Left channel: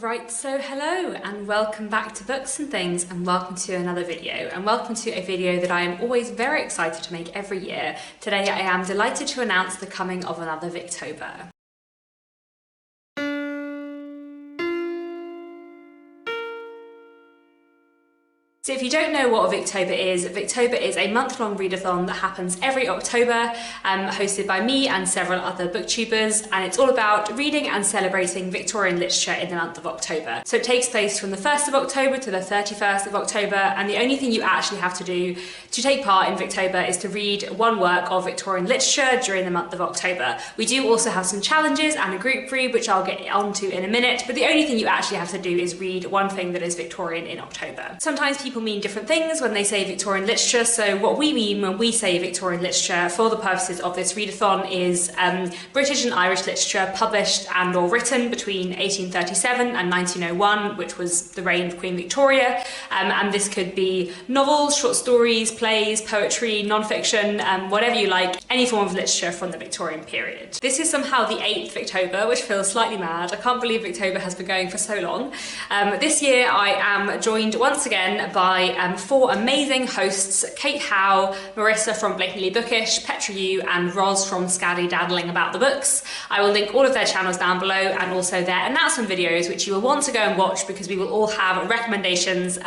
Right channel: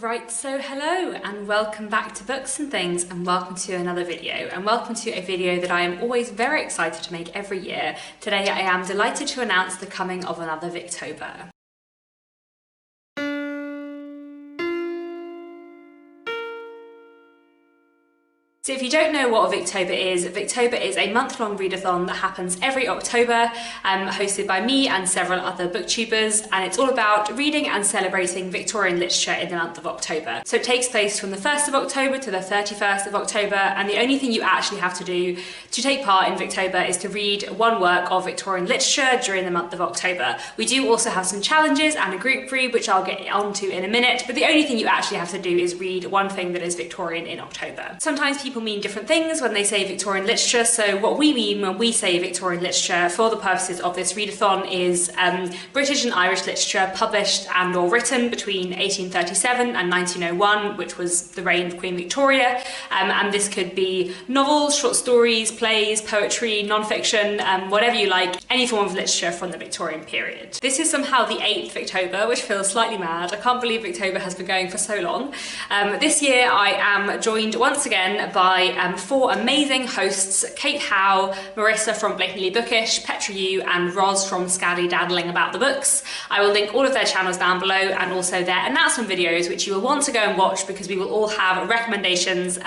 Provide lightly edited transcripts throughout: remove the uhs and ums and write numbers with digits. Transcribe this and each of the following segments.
Right, so hello and welcome back to Books and Things, and welcome to another video, and welcome to a video that I am always very excited to make every year. Today I am delighted to announce the coming of another Victober. So if you don't know what Victober is a month-long readathon that happens every October, hosted by me and several other booktubers, and it's all about reading and celebrating Victorian literature in the month of October. So it takes place from the 1st of October to the 31st of October, and the only thing you actually have to do to take part in Victober is to read one work of Victorian literature during the month of October. We do also have some challenges and a group read, which I'll get onto in a minute, but the only thing you actually have to do is read one thing that is Victorian in October. Sometimes people mean different things when they say Victorian literature, so what we mean when we say Victorian literature for the purposes of this readathon is British and Irish literature published and or written between 1837 and 1901, which was the reign of Queen Victoria, and this could be novels, short stories, plays, poetry, non-fiction, whatever you like, any form of literature from the Victorian period. This is somehow the 8th Victober, which feels slightly mad. I can't believe Victober has been going for so long. This year I am joined once again by 4 amazing hosts: Kate Howe, Marissa from Blatantly Bookish, Petra and Roz from Scally Daddling About the Books. I will link all of their channels down below, and also their announcement videos, which you will want to go and watch because we will all have recommendations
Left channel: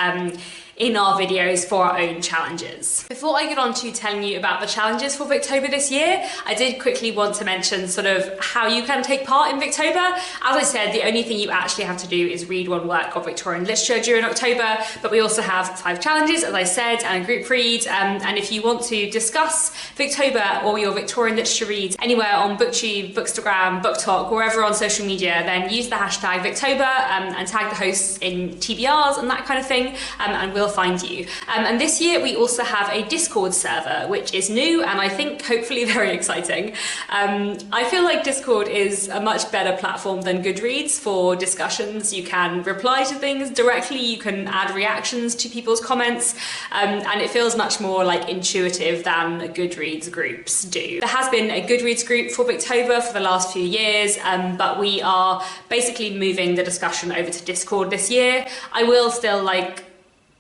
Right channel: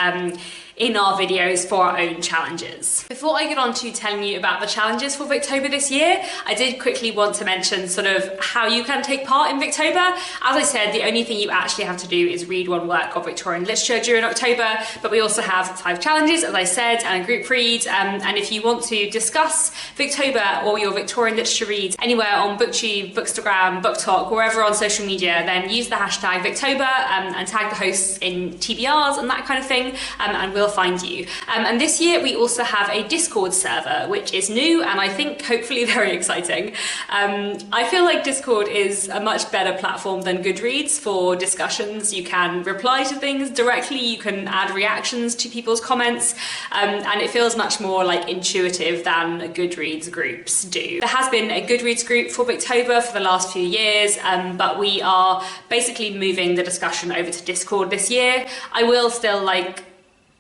in our videos for our own challenges. Before I get on to telling you about the challenges for Victober this year, I did quickly want to mention sort of how you can take part in Victober. As I said, the only thing you actually have to do is read one work of Victorian literature during October, but we also have 5 challenges, as I said, and a group read, and if you want to discuss Victober or your Victorian literature reads anywhere on BookTube, Bookstagram, BookTok, wherever on social media, then use the hashtag Victober and tag the hosts in TBRs and that kind of thing, and we'll find you. And this year we also have a Discord server, which is new and I think hopefully very exciting. I feel like Discord is a much better platform than Goodreads for discussions. You can reply to things directly, you can add reactions to people's comments, and it feels much more like intuitive than Goodreads groups do. There has been a Goodreads group for Victober for the last few years, but we are basically moving the discussion over to Discord this year. I will still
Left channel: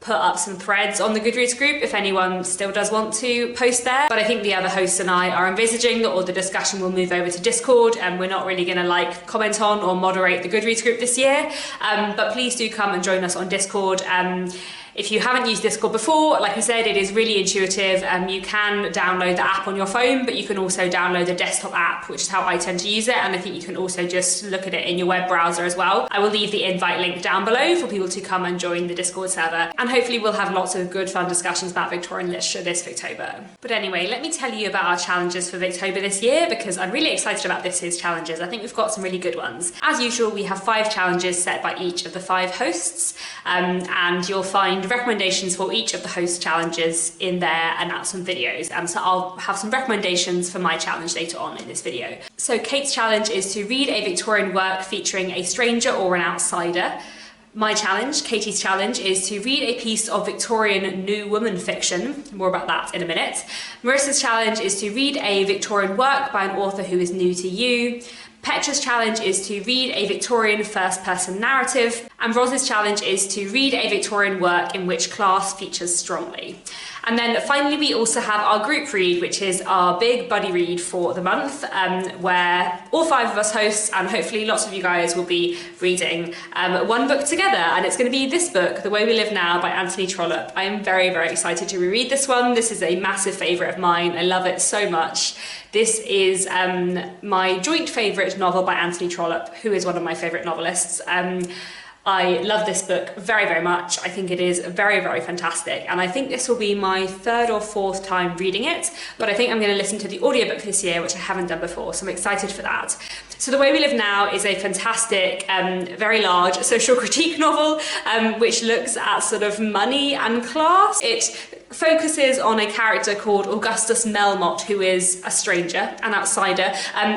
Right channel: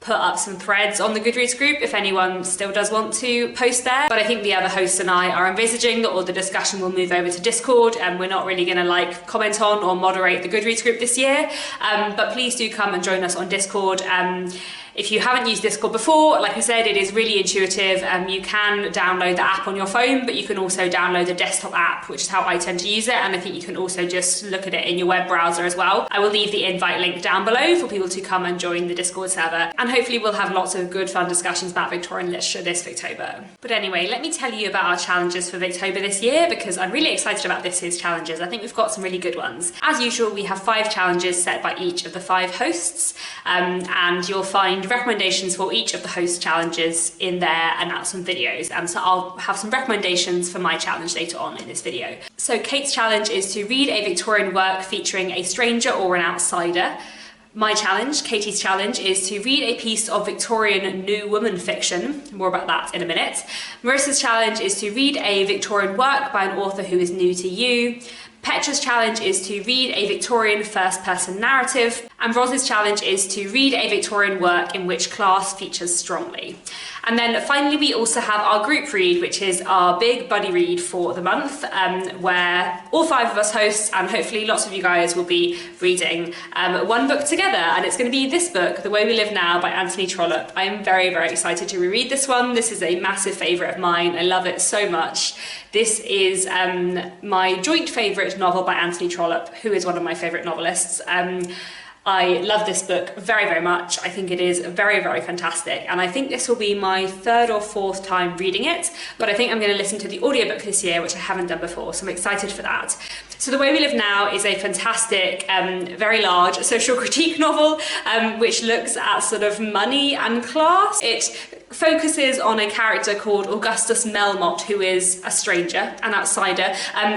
put up some threads on the Goodreads group if anyone still does want to post there, but I think the other hosts and I are envisaging that all the discussion will move over to Discord, and we're not really going to comment on or moderate the Goodreads group this year, but please do come and join us on Discord. If you haven't used Discord before, like I said, it is really intuitive. You can download the app on your phone, but you can also download the desktop app, which is how I tend to use it, and I think you can also just look at it in your web browser as well. I will leave the invite link down below for people to come and join the Discord server, and hopefully we'll have lots of good fun discussions about Victorian literature this Victober. But anyway, let me tell you about our challenges for Victober this year, because I'm really excited about this year's challenges. I think we've got some really good ones. As usual, we have 5 challenges set by each of the 5 hosts, and you'll find recommendations for each of the host challenges in their announcement videos. So I'll have some recommendations for my challenge later on in this video. So Kate's challenge is to read a Victorian work featuring a stranger or an outsider. My challenge, Katie's challenge, is to read a piece of Victorian New Woman fiction. More about that in a minute. Marissa's challenge is to read a Victorian work by an author who is new to you. Petra's challenge is to read a Victorian first-person narrative, and Roz's challenge is to read a Victorian work in which class features strongly. And then finally we also have our group read, which is our big buddy read for the month, where all 5 of us hosts, and hopefully lots of you guys, will be reading one book together, and it's going to be this book, The Way We Live Now by Anthony Trollope. I am very, very excited to reread this one. This is a massive favourite of mine. I love it so much. This is my joint favourite novel by Anthony Trollope, who is one of my favourite novelists. I love this book very, very much. I think it is very, very fantastic, and I think this will be my 3rd or 4th time reading it, but I think I'm going to listen to the audiobook this year, which I haven't done before, so I'm excited for that. So The Way We Live Now is a fantastic, very large social critique novel, which looks at sort of money and class. It focuses on a character called Augustus Melmotte, who is a stranger, an outsider,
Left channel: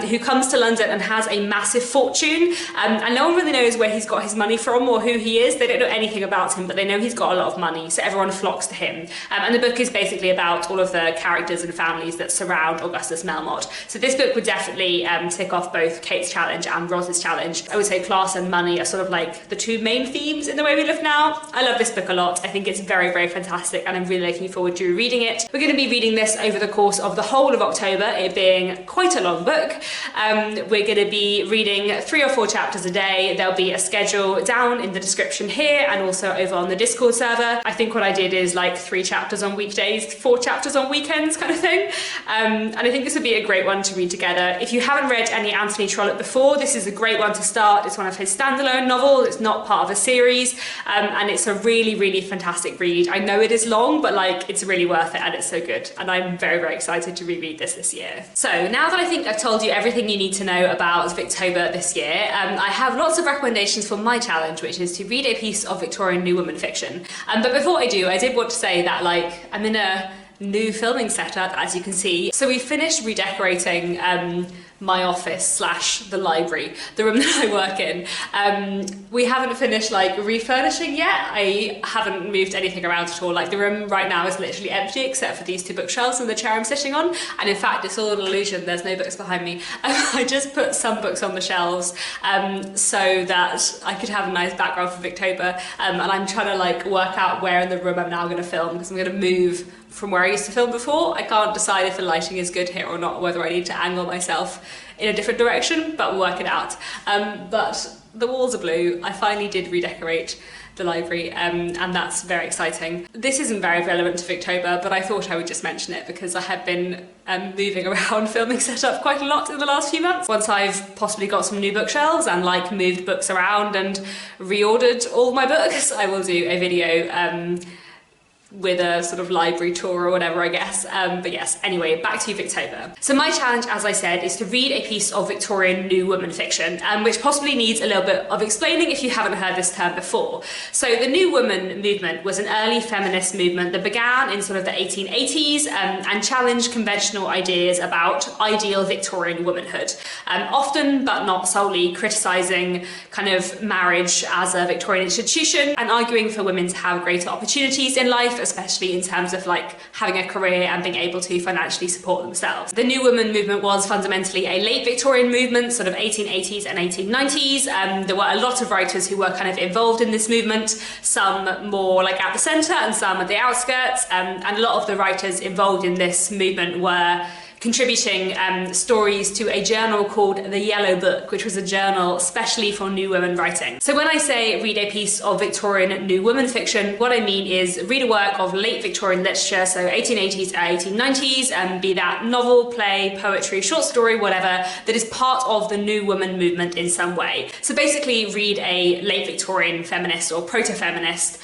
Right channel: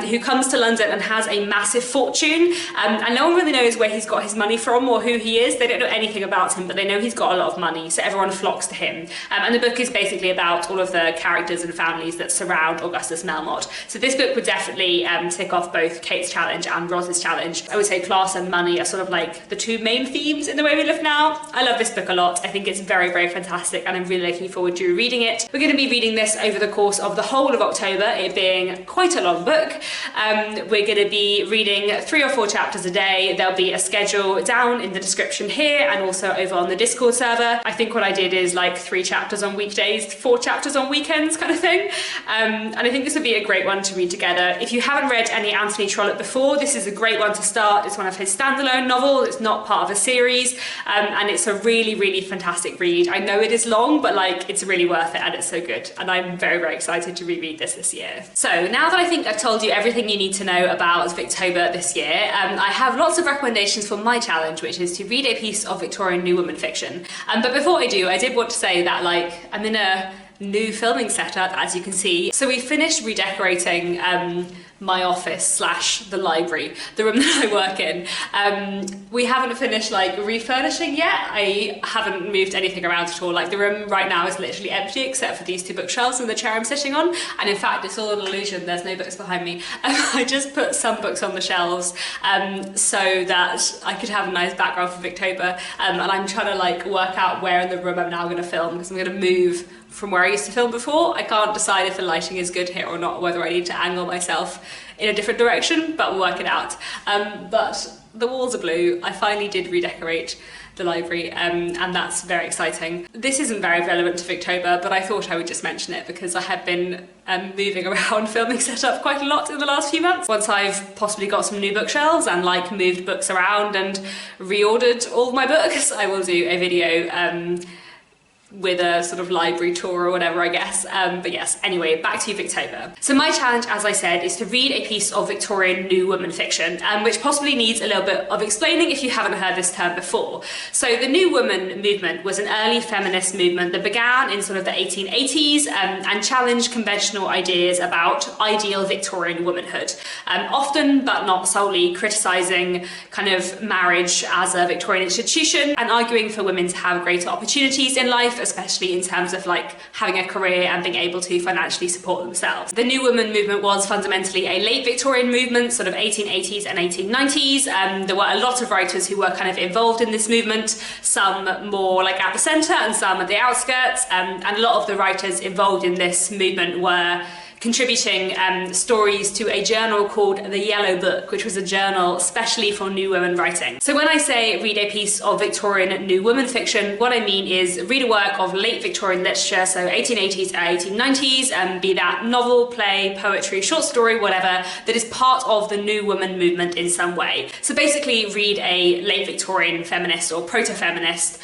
who comes to London and has a massive fortune, and no one really knows where he's got his money from or who he is. They don't know anything about him, but they know he's got a lot of money, so everyone flocks to him. And the book is basically about all of the characters and families that surround Augustus Melmotte. So this book would definitely tick off both Kate's challenge and Roz's challenge. I would say class and money are sort of like the two main themes in the way we live now. I love this book a lot. I think it's very, very fantastic, and I'm really looking forward to reading it. We're going to be reading this over the course of the whole of October, it being quite a long book. We're going to be reading 3 or 4 chapters a day. There'll be a schedule down in the description here and also over on the Discord server. I think what I did is like 3 chapters on weekdays, 4 chapters on weekends kind of thing. And I think this would be a great one to read together. If you haven't read any Anthony Trollope before, this is a great one to start. It's one of his standalone novels. It's not part of a series, and it's a really, really fantastic read. I know it is long, but like it's really worth it, and it's so good. And I'm very, very excited to reread this year. So now that I think I've told you everything you need to know about Victober this year, I have lots of recommendations for my challenge, which is to read a piece of Victorian New Woman fiction. But before I do, I did want to say that like I'm in a new filming setup, as you can see. So we finished redecorating my office slash the library, the room that I work in. We haven't finished like refurnishing yet. I haven't moved anything around at all. Like the room right now is literally empty except for these 2 bookshelves and the chair I'm sitting on. And in fact, it's all an illusion. There's no books behind me. I just put some books on the shelves so that I could have a nice background for Victober. And I'm trying to like work out where in the room I'm now going to film, because I'm going to move from where I used to film before. I can't decide if the lighting is good here or not, whether I need to angle myself in a different direction, but we'll work it out. But the walls are blue. I finally did redecorate the library, and that's very exciting. This isn't very relevant to Victober, but I thought I would just mention it because I had been moving around filming setup quite a lot in the last few months. Once I've possibly got some new bookshelves and like moved books around and reordered all my books, I will do a video with a sort of library tour or whatever, I guess. But yes, anyway, back to you, Victober. So my challenge, as I said, is to read a piece of Victorian New Woman fiction, which possibly needs a little bit of explaining if you haven't heard this term before. So the New Woman movement was an early feminist movement that began in sort of the 1880s and challenged conventional ideas about ideal Victorian womanhood, often, but not solely, criticising kind of marriage as a Victorian institution and arguing for women to have greater opportunities in life, especially in terms of like having a career and being able to financially support themselves. The New Woman movement was fundamentally a late Victorian movement, sort of 1880s and 1890s. There were a lot of writers who were kind of involved in this movement, some more like at the centre and some at the outskirts, and a lot of the writers involved in this movement were contributing stories to a journal called The Yellow Book, which was a journal especially for new women writing. So when I say read a piece of Victorian New Woman fiction, what I mean is read a work of late Victorian literature, so 1880s to 1890s, be that novel, play, poetry, short story, whatever, that is part of the New Woman movement in some way. So basically read a late Victorian feminist or proto-feminist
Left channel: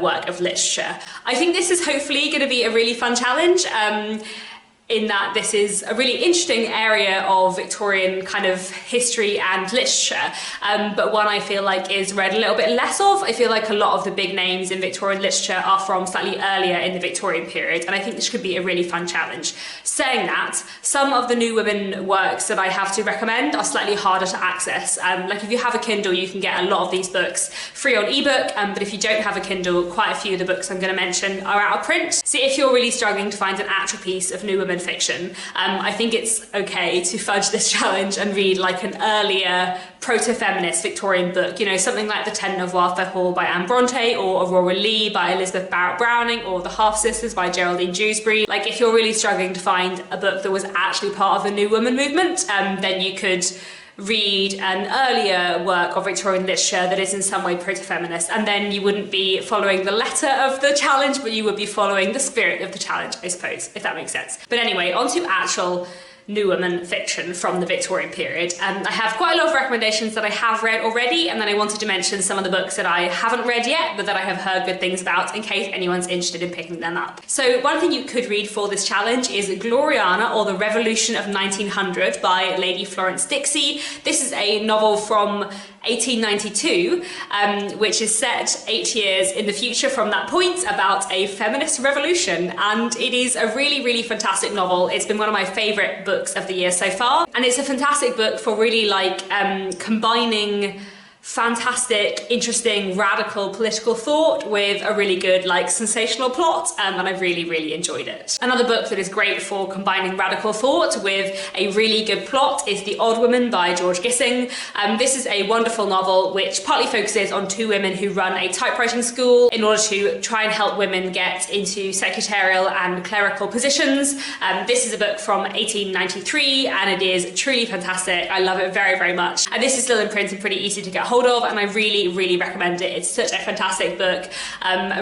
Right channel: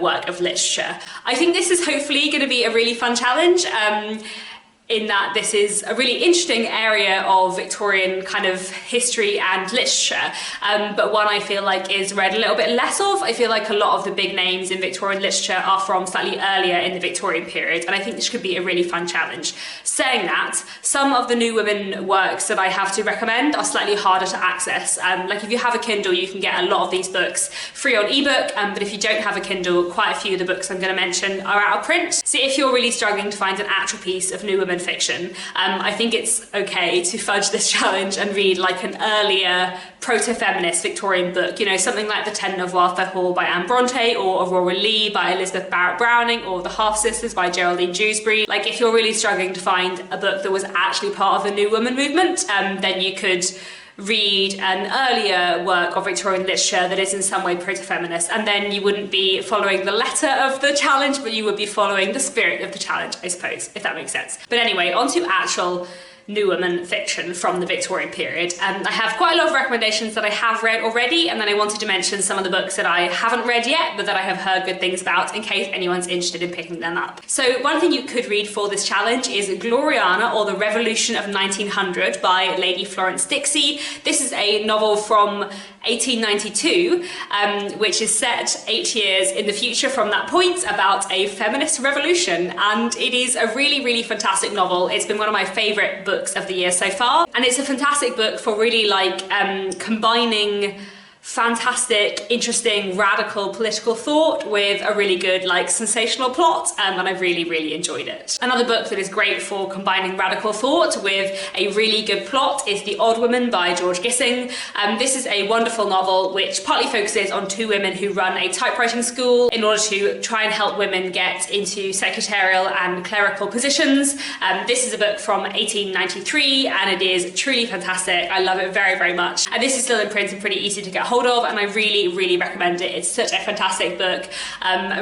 work of literature. I think this is hopefully going to be a really fun challenge. In that this is a really interesting area of Victorian kind of history and literature, but one I feel like is read a little bit less of. I feel like a lot of the big names in Victorian literature are from slightly earlier in the Victorian period, and I think this could be a really fun challenge. Saying that, some of the New Women works that I have to recommend are slightly harder to access. Like if you have a Kindle, you can get a lot of these books free on ebook, but if you don't have a Kindle, quite a few of the books I'm going to mention are out of print. So if you're really struggling to find an actual piece of New Women fiction, I think it's okay to fudge this challenge and read like an earlier proto-feminist Victorian book, you know, something like The Ten Noir Hall by Anne Bronte, or Aurora Leigh by Elizabeth Barrett Browning, or The Half Sisters by Geraldine Dewsbury. Like if you're really struggling to find a book that was actually part of the New Woman movement, then you could read an earlier work of Victorian literature that is in some way proto-feminist, and then you wouldn't be following the letter of the challenge, but you would be following the spirit of the challenge, I suppose, if that makes sense. But anyway, on to actual New Woman fiction from the Victorian period. I have quite a lot of recommendations that I have read already, and then I wanted to mention some of the books that I haven't read yet, but that I have heard good things about in case anyone's interested in picking them up. So one thing you could read for this challenge is Gloriana, or The Revolution of 1900 by Lady Florence Dixie. This is a novel from 1892, which is set 8 years in the future from that point, about a feminist revolution. And it is a really, really fantastic novel. It's been one of my favourite books of the year so far. And it's a fantastic book for really like combining fantastic, interesting, radical political thought with a really good, like, sensational plot, and I really, really enjoyed it. Another book that is great for combining radical thought with a really good plot is The Odd Woman by George Gissing. This is a wonderful novel which partly focuses on two women who run a typewriting school in order to try and help women get into secretarial and clerical positions. This is a book from 1893 and it is truly fantastic. I love it very, very much. And this is still in print and pretty easy to get hold of, and I really, really recommend it. It's such a fantastic book,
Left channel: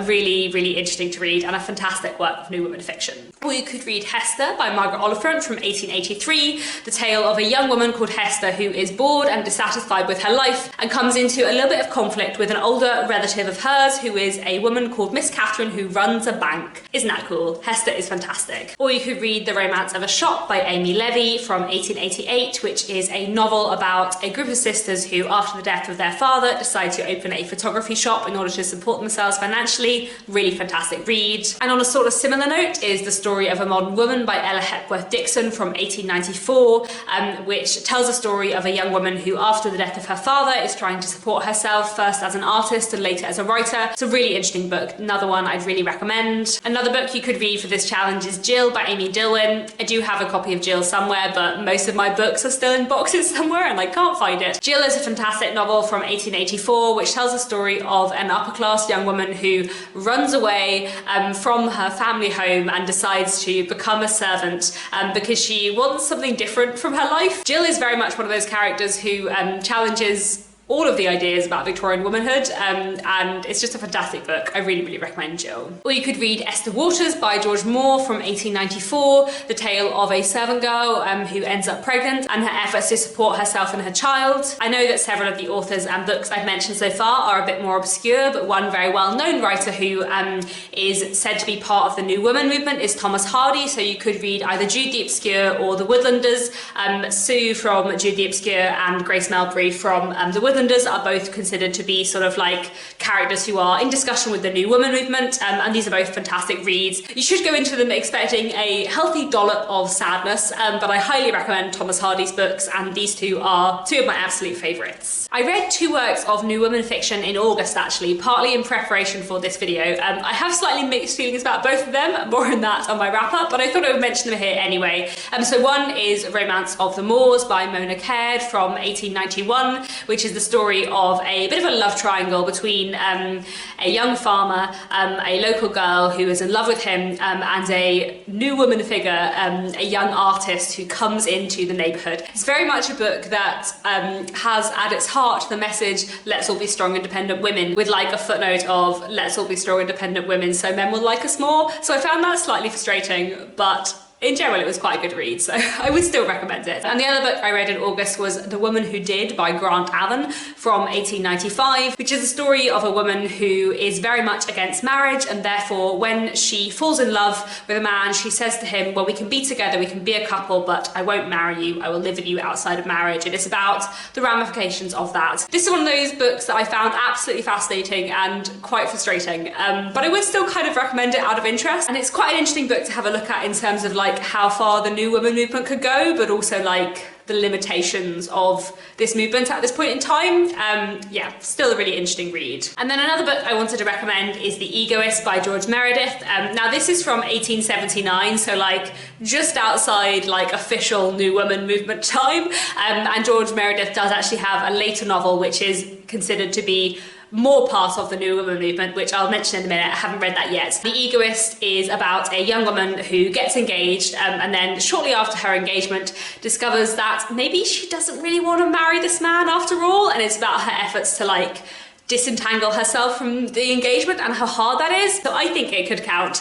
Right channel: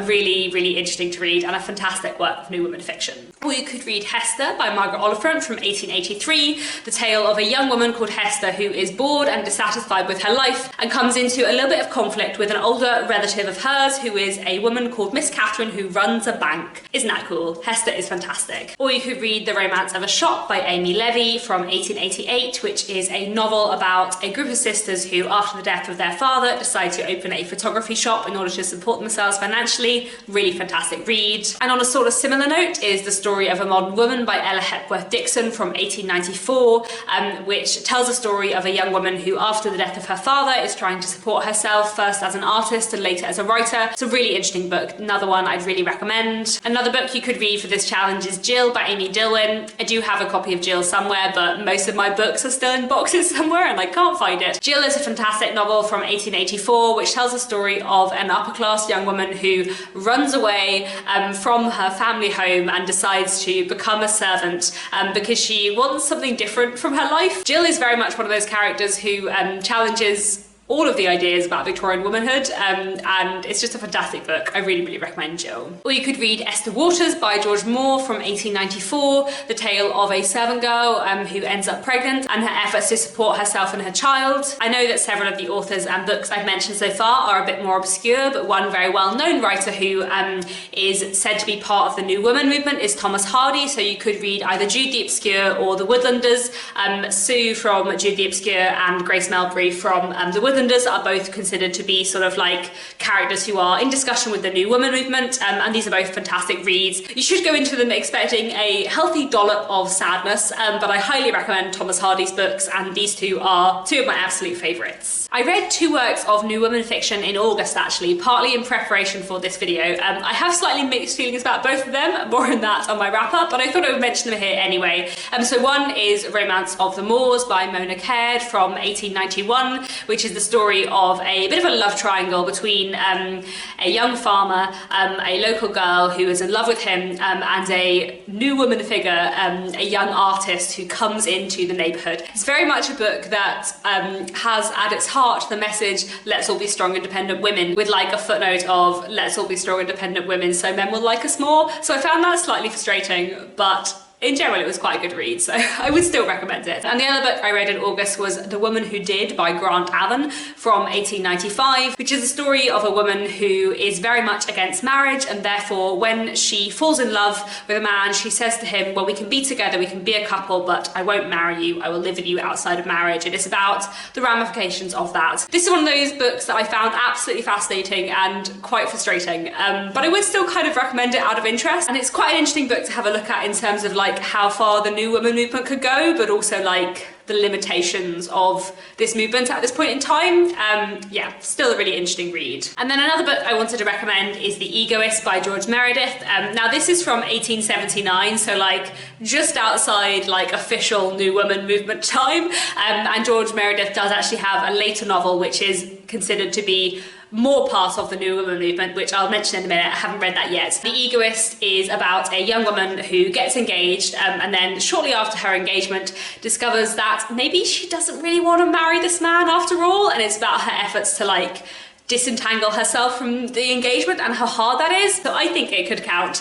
really, really interesting to read, and a fantastic work of new women fiction. Or you could read Hester by Margaret Oliphant from 1883, the tale of a young woman called Hester who is bored and dissatisfied with her life and comes into a little bit of conflict with an older relative of hers who is a woman called Miss Catherine who runs a bank. Isn't that cool? Hester is fantastic. Or you could read The Romance of a Shop by Amy Levy from 1888, which is a novel about a group of sisters who, after the death of their father, decide to open a photography shop in order to support themselves financially. Really fantastic read. And on a sort of similar note is The Story of a Modern Woman by Ella Hepworth Dixon from 1894, which tells a story of a young woman who, after the death of her father, is trying to support herself, first as an artist and later as a writer. It's a really interesting book, another one I'd really recommend. Another book you could read for this challenge is Jill by Amy Dillwyn. I do have a copy of Jill somewhere, but most of my books are still in boxes somewhere and I can't find it. Jill is a fantastic novel from 1884, which tells the story of an upper-class young woman who runs away from her family home and decides to become a servant because she wants something different from her life. Jill is very much one of those characters who challenges all of the ideas about Victorian womanhood, and it's just a fantastic book. I really, really recommend Jill. Or you could read Esther Waters by George Moore from 1894, the tale of a servant girl who ends up pregnant and her efforts to support herself and her child. I know that several of the authors and books I've mentioned so far are a bit more obscure, but one very well-known writer who is said to be part of the New Woman movement is Thomas Hardy, so you could read either Jude the Obscure or The Woodlanders. Sue from Jude the Obscure and Grace Melbury from The Woodlanders are both considered to be sort of like characters who are in discussion with the New Woman movement, and these are both fantastic reads. You should go into them expecting a healthy dollop of sadness, but I highly recommend Thomas Hardy's books, and these two are two of my absolute favourites. I read two works of New Woman fiction in August actually, partly in preparation for this video. I have slightly mixed feelings about both of them, more on that on my wrap-up, but I thought I would mention them here anyway. So one is Romance of the Moors by Mona Caird from 1891, which is the story of a bit of a love triangle between a young farmer, a local girl who is in love with him, and a new woman figure, a young artist who comes into the neighbourhood. It's very much a book that has at its heart the message, let's all be strong independent women, with like a footnote of let's all be strong independent women so men will like us more. So I found that slightly frustrating, but in general, it was quite a good read, so I would still recommend it. And the other book I read in August was The Woman Who Did by Grant Allen from 1895, which is a story of a woman who is very much against marriage, and therefore when she falls in love with a man, she says to him, well, we can be together, we can be a couple, but I won't marry you, I will live with you outside of marriage. And it's about the ramifications of that. This is one of those books that I found absolutely fascinating and quite frustrating, but I would still kind of recommend it out of interest. And it's quite an interesting book to have a look at in terms of like how far the New Woman movement could go, but also like the limitations of this movement at this point in time. Yeah, still a really interesting read. And then another book I wanted to recommend is The Egoist by George Meredith. Now this is from 1879, so like just outside like official New Woman movement time. And George Meredith does actually have a later novel which is considered to be more part of the New Woman movement, which I'll mention in a minute. I haven't read that yet. The Egoist is about a young woman who gets engaged and then shortly after her engagement discovers that maybe she doesn't really want to marry this man after all, and it's about her efforts to like disentangle herself from the engagement and how hard that is. So I think it could count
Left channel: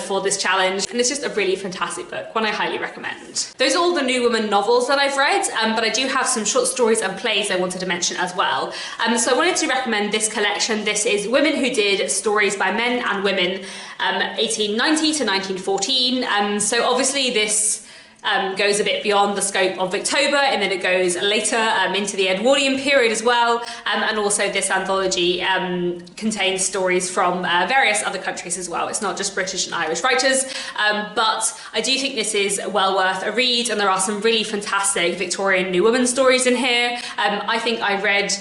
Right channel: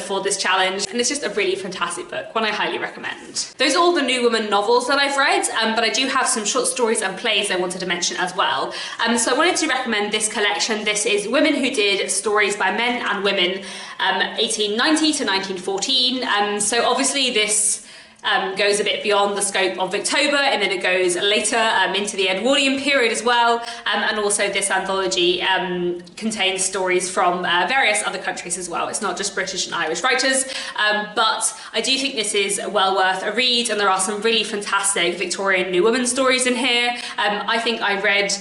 for this challenge, and it's just a really fantastic book, one I highly recommend. Those are all the New Woman novels that I've read, but I do have some short stories and plays I wanted to mention as well. So I wanted to recommend this collection. This is Women Who Did, Stories by Men and Women, 1890 to 1914. So obviously this goes a bit beyond the scope of Victober, and then it goes later into the Edwardian period as well. And also this anthology contains stories from various other countries as well. It's not just British and Irish writers, but I do think this is well worth a read, and there are some really fantastic Victorian New Woman stories in here. I think I read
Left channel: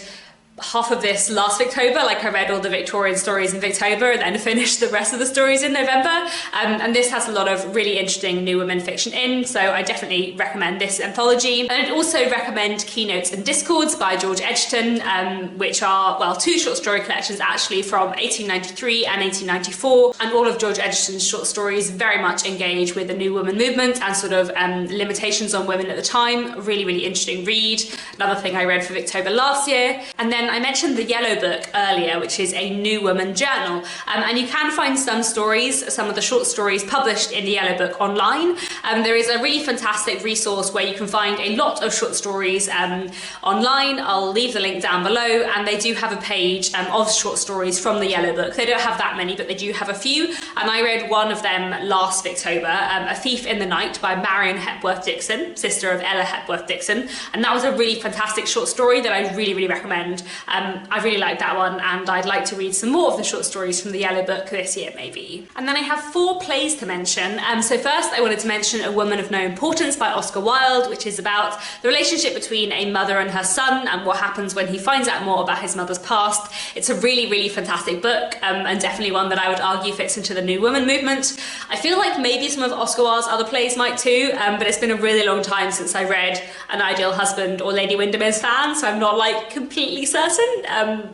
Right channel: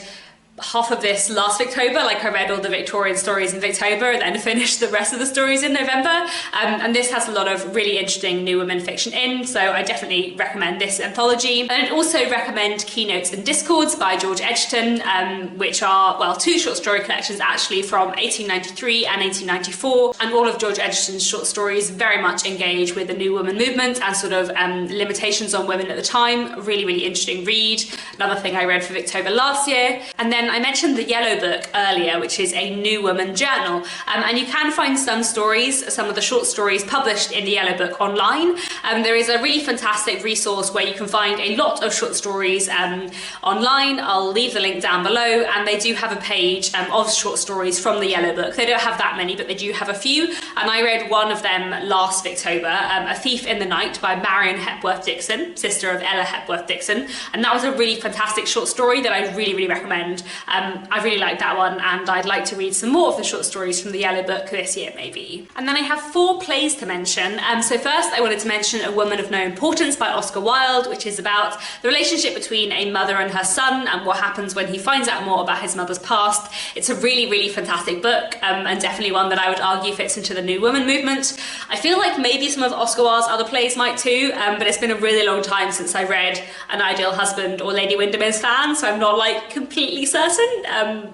half of this last Victober, like I read all the Victorian stories in Victober and then finished the rest of the stories in November, and this has a lot of really interesting new women fiction in, so I definitely recommend this anthology. And I'd also recommend Keynotes and Discords by George Edgerton, which are, well, two short story collections actually from 1893 and 1894, and all of George Edgerton's short stories very much engage with the new woman movement and sort of limitations on women at the time. Really, really interesting read. Another thing I read for Victober last year. And then I mentioned the Yellow Book earlier, which is a New Woman journal, and you can find some stories, some of the short stories published in the Yellow Book online. There is a really fantastic resource where you can find a lot of short stories online. I'll leave the link down below, and they do have a page of short stories from the Yellow Book. They don't have that many, but they do have a few, and I read one of them last Victober, A Thief in the Night by Marion Hepworth Dixon, sister of Ella Hepworth Dixon, and that was a really fantastic short story that I really, really recommend. I really like that one, and I'd like to read some more of the short stories from the Yellow Book this year, maybe. And then I have 4 plays to mention. So first I wanted to mention A Woman of No Importance by Oscar Wilde, which is about the relationship between a mother and her son and what happens when he finds out more about his mother's past. It's a really, really fantastic book, and definitely one that I would argue fits into the New Woman movement. I feel like maybe some of Oscar Wilde's other plays might too, but it's been a really long time since I read An Ideal Husband or Lady Windermere's Fan, so I'm not like completely certain,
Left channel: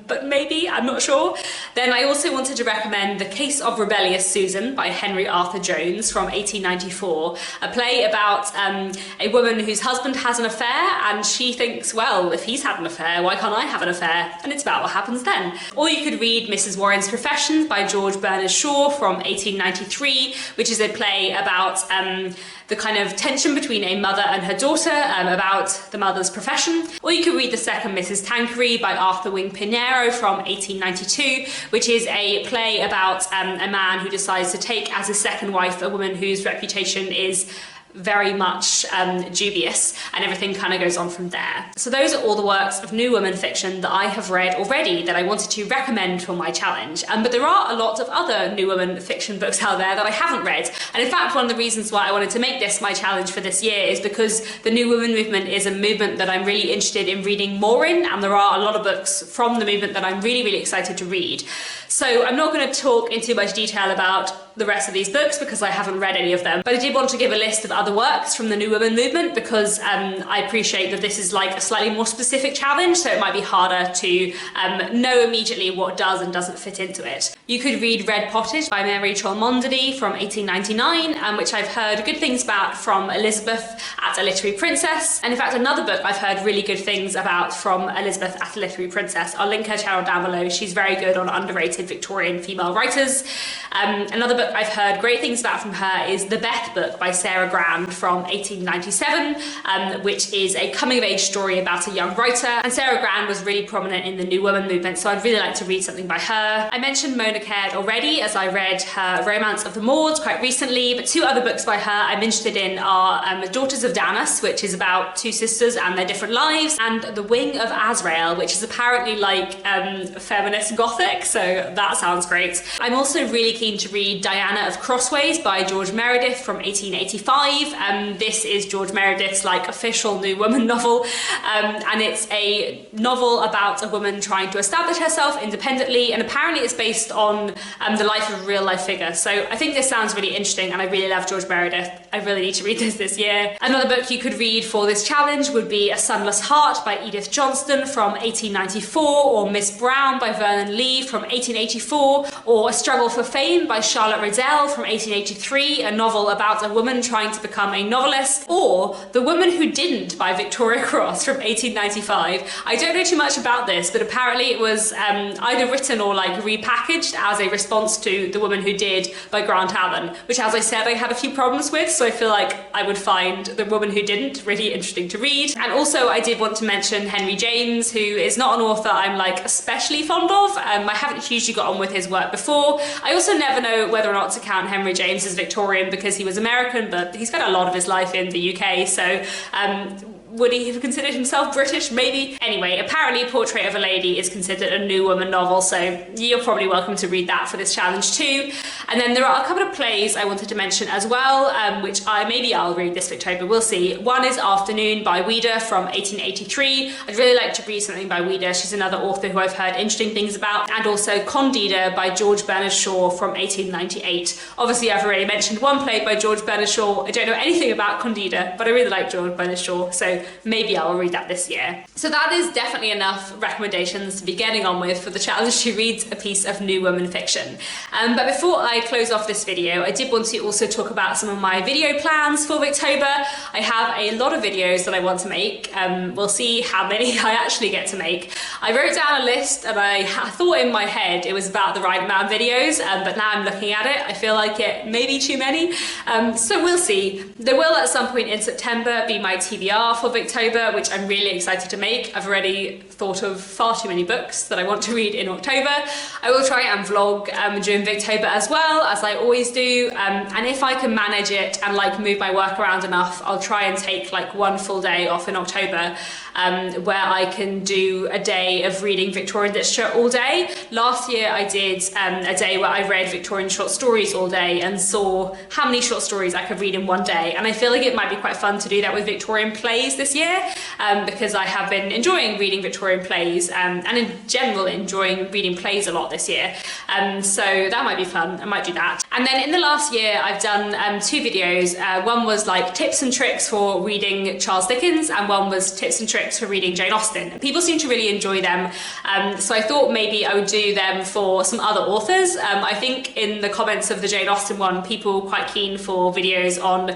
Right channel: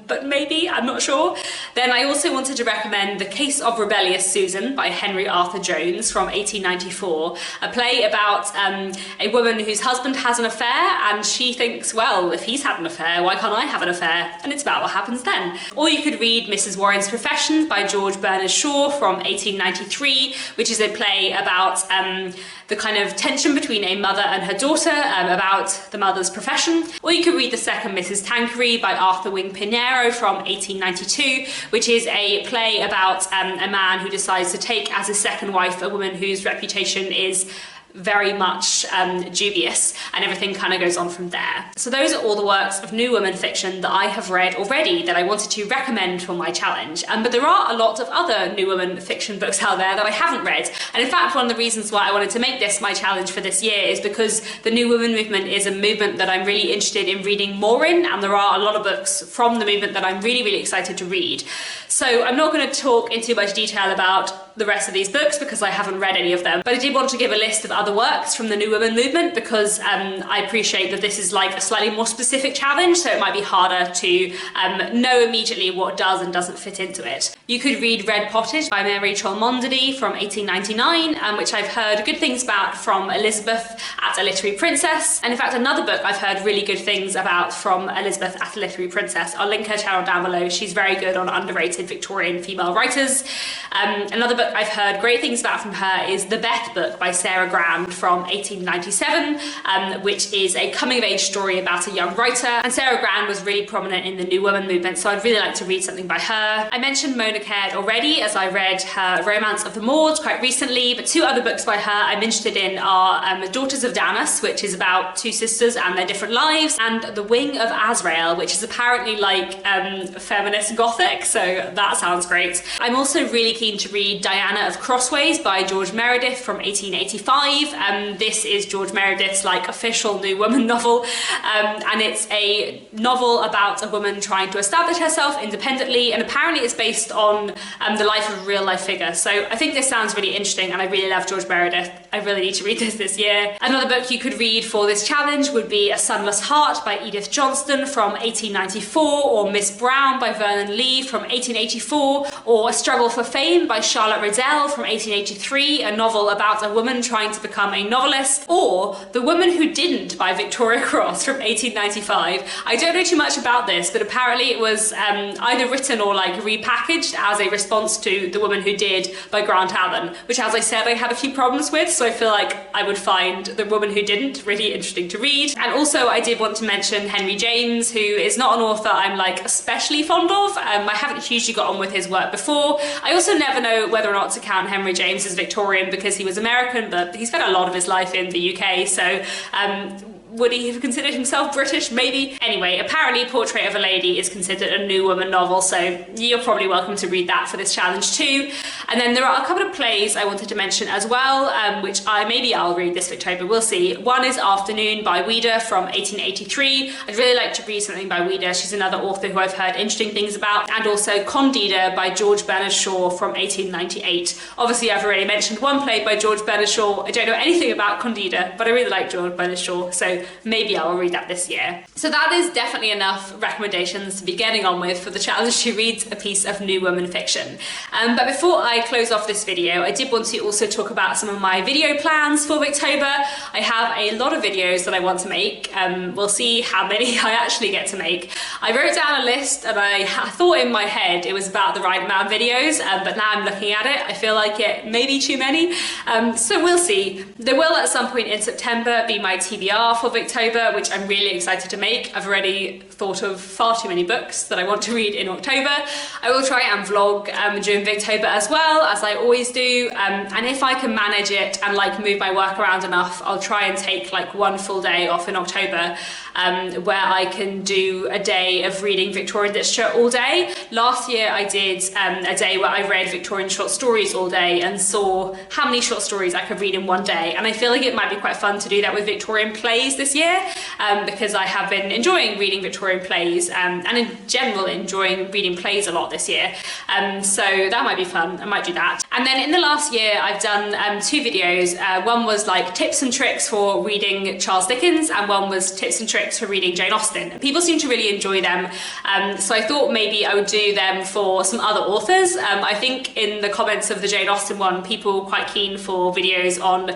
but maybe, I'm not sure. Then I also wanted to recommend The Case of Rebellious Susan by Henry Arthur Jones from 1894, a play about a woman whose husband has an affair, and she thinks, well, if he's had an affair, why can't I have an affair? And it's about what happens then. Or you could read Mrs. Warren's Profession by George Bernard Shaw from 1893, which is a play about the kind of tension between a mother and her daughter about the mother's profession. Or you could read The Second Mrs. Tanqueray by Arthur Wing Pinero from 1892, which is a play about a man who decides to take as his second wife a woman whose reputation is very much dubious, and everything kind of goes on from there. So those are all the works of New Woman fiction that I have read already that I wanted to recommend for my challenge. But there are a lot of other New Woman fiction books out there that I haven't read, and in fact one of the reasons why I wanted to make this my challenge for this year is because the New Woman movement is a movement that I'm really interested in reading more in, and there are a lot of books from the movement that I'm really, really excited to read. So I'm not going to talk in too much detail about the rest of these books because I haven't read any of them, but I did want to give a list of other works from the New Woman movement because I appreciate that this is like a slightly more specific challenge, so it might be harder to know immediately what does and doesn't fit into it. You could read Red Pottage by Mary Cholmondeley from 1899, which I've heard good things about from Elizabeth at A Literary Princess, and in fact another book I've heard really good things about from Elizabeth at A Literary Princess. I'll link her channel down below. She's very good on underrated Victorian female writers. Another book I've heard great things about from her is The Beth book by Sarah Grand from 1897, which is a coming-of-age story about a young writer, and Sarah Grand was really prominent in the New Woman movement, so I'd really like to read something by her. I mentioned Mona Caird already, as I read her Romance of the Mauds quite recently, but 2 other books by her I'm interested in are Daughters of Danas, which is about 2 sisters and their different lives, and The Wing of Azrael, which is apparently like feminist gothic, so that sounds great. I'm also really keen to read Diana of Crossways by George Meredith from 1885. This is George Meredith's like official New Woman novel, and it's a novel about a woman trying to establish herself independently, and apparently it's based on the life of a real life figure. So I think this sounds really interesting, and I really love George Meredith. I really need to read this year. Another book you could read for this challenge would be A Sunless Heart by Edith Johnston from 1894, or Miss Brown by Vernon Lee from 1884, or A Struggle for Fame by Charlotte Riddell from 1883, a novel about a woman trying to become a novelist, or The Woman Who Didn't by Victoria Cross from 1895. I don't know too much about this, but apparently it was either written or like repackaged as a response to The Woman Who Did by Grant Allen, which, as I said, I have a few problems with, so I feel like I would find The Woman Who Didn't really interesting to read. And also I did want to mention Henry James, who is not an author I'm like especially fond of. I haven't hugely got on with his work before. I also never know whether or not to count Henry James as Victorian because he was American, but he's got spent a lot of his life in the UK, so would he have considered himself British? Maybe. Anyway, apparently Portrait of a Lady is considered a New Woman novel, so you're probably welcome to read that for this challenge too. And then there are a couple of plays I wanted to mention as well, which maybe I'll read this Victober, we'll see. One is Afternoon by Ouida from 1883. I'd really like to read something by Ouida. She's another author who I've heard interesting things about. And also Candida by George Bernard Shaw from 1898. Obviously I've already mentioned one play by George Bernard Shaw. I don't know anything about Candida, but I really like George Bernard Shaw, so maybe I'll read that this year. So that is definitely enough recommendations to be getting on with for the challenge to read a piece of New Woman fiction. But before I close off this video, I did want to also talk about some of my video plans for Victober. I have a lot of videos that I want to make. We'll see how many I actually get to make. I wrote down a list and I thought in my head it was about the right amount of videos, but now I'm looking at it, I feel like it may be too many. So we'll see. There will at some point in September be my TBR for Victober, which I'm really excited to make. I've already thought of far too many books that I want to read in October. I will try and vlog during Victober as well, as I always do, and if I can manage it and like move my work around enough, I'll try and take like one full day off in October, where I can do a day of reading Victorian literature all day. Last year I did a day where I read Victorian short stories all day and saw how many short stories I could read in one day, and I feel like it might be quite fun to do that with Victorian plays this year, because I have been enjoying reading Victorian plays, and in general enjoying reading plays a lot this year, so that might be fun. I might do that. And then in the last year I've done two videos. One was like tips and tricks for reading Charles Dickens, and one was tips and tricks for reading Jane Austen. People seem to really enjoy them, so I thought maybe I would do them for some other authors. I think in the comments of the Jane Austen one, people were quite keen for videos on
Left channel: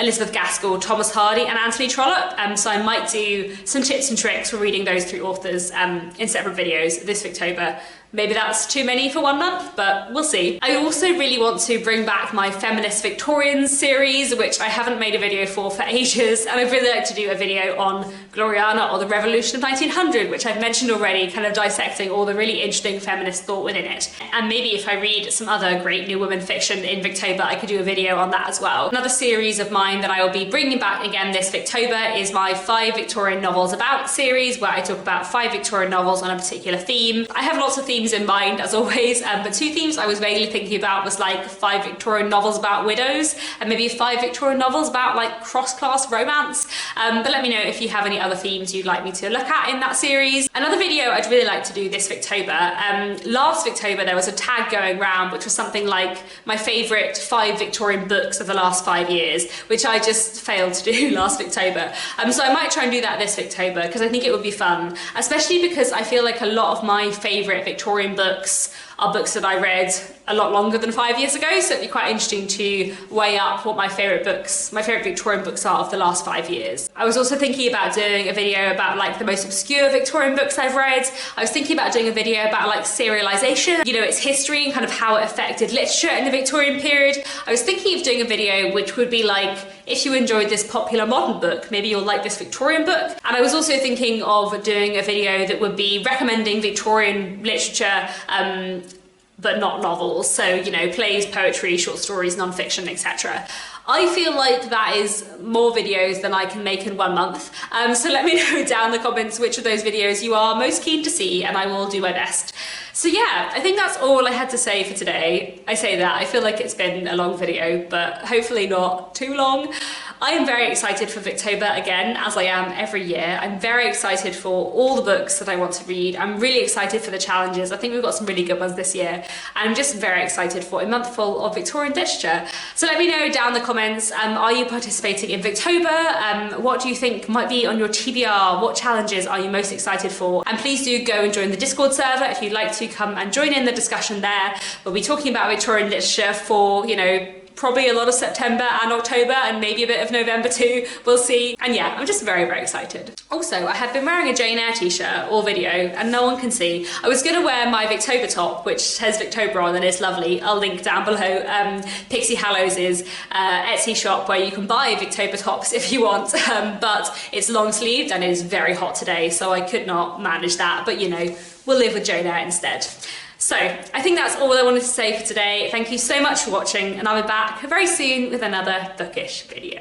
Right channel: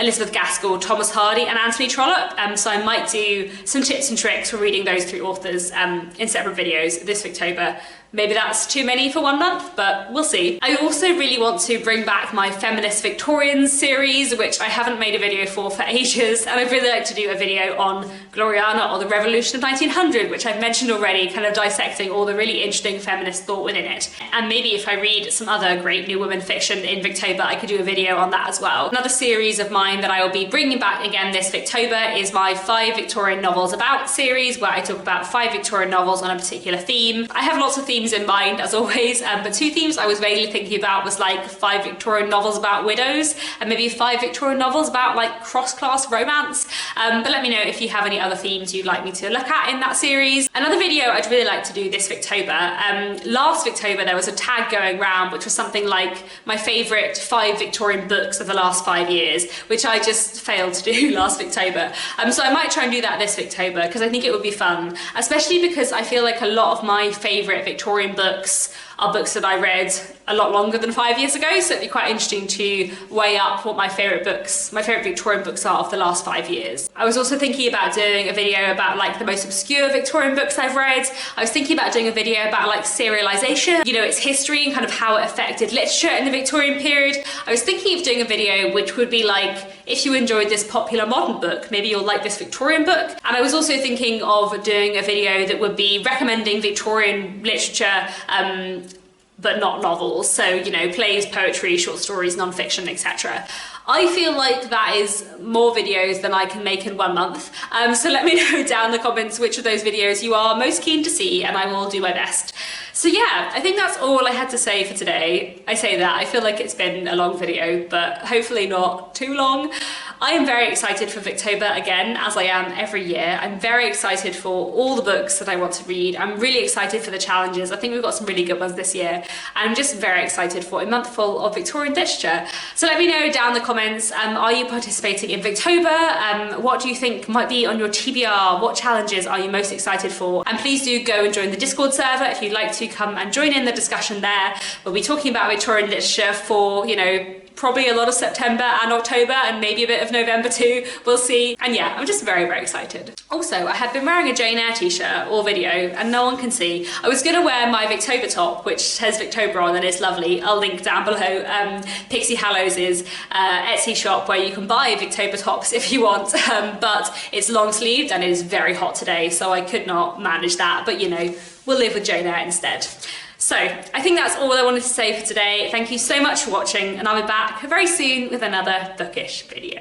Elizabeth Gaskell, Thomas Hardy and Anthony Trollope, so I might do some tips and tricks for reading those three authors in separate videos this Victober. Maybe that's too many for 1 month, but we'll see. I also really want to bring back my Feminist Victorians series, which I haven't made a video for ages, and I'd really like to do a video on Gloriana or the Revolution of 1900, which I've mentioned already, kind of dissecting all the really interesting feminist thought within it. And maybe if I read some other great New Women fiction in Victober, I could do a video on that as well. Another series of mine that I will be bringing back again this Victober is my 5 Victorian Novels About series, where I talk about 5 Victorian novels on a particular theme. I have lots of themes in mind as always, but 2 themes I was vaguely thinking about was like 5 Victorian novels about widows, and maybe 5 Victorian novels about like cross-class romance, but let me know if you have any other themes you'd like me to look at in that series. Another video I'd really like to do this Victober, last Victober there was a tag going around which was something like my favourite 5 Victorian books of the last 5 years, which I just failed to do last Victober, so I might try and do that this Victober because I think it would be fun, especially because I feel like a lot of my favourite Victorian books are books that I read a lot longer than 5 years ago, so it'd be quite interesting to weigh up what my favourite Victorian books are of the last 5 years. I was also thinking about doing a video about like the most obscure Victorian books I've read. I was thinking about doing a video about like serialisation, you know, its history and kind of how it affected literature in the Victorian period. I was thinking of doing a video which would be like, if you enjoyed this popular modern book, maybe you'll like this Victorian book. And I was also thinking of doing a video that would be recommending Victorian literature, but not novels, so you know, plays, poetry, short stories, non-fiction, etc. I feel like that is more videos than I can make in 1 month, so let me know down in the comments which of those videos you are most keen to see and I will do my best. So yeah, I think that's all I had to say for today. I say that, I feel like it's been a long video, but hopefully not too long. I am very excited for Victober again, as I am every year. I'm very excited for all the books that I want to read. I'm really excited for the challenges. I think we've got some really good ones this year. I'm just very excited for a month full of Victorian literature. So let me know down in the comments, are you participating in Victober? What do you think might be on your TBR? What challenges are you most excited for? And please do go and join the Discord server if you'd like to come and join in the discussion there. We'll be talking about Victorian literature for, you know, probably a lot of September and October and maybe a bit of November too, we'll see. And yeah, I'm just very, very excited. Also, I had been wearing a Jane Eyre t-shirt all video and no one can see. I was gonna wear my Victober top, which says Victober on and it's lovely. I'll link down below Pixie Hallows' Etsy shop where you can buy Victober tops if you want, but it's long sleeved and it's very hot today, so I could not manage that, but you know, we'll live with Jane Eyre instead. So, I think that's all I wanted to say for today. Thank you so much for watching, and I'll be back very soon with another bookish video.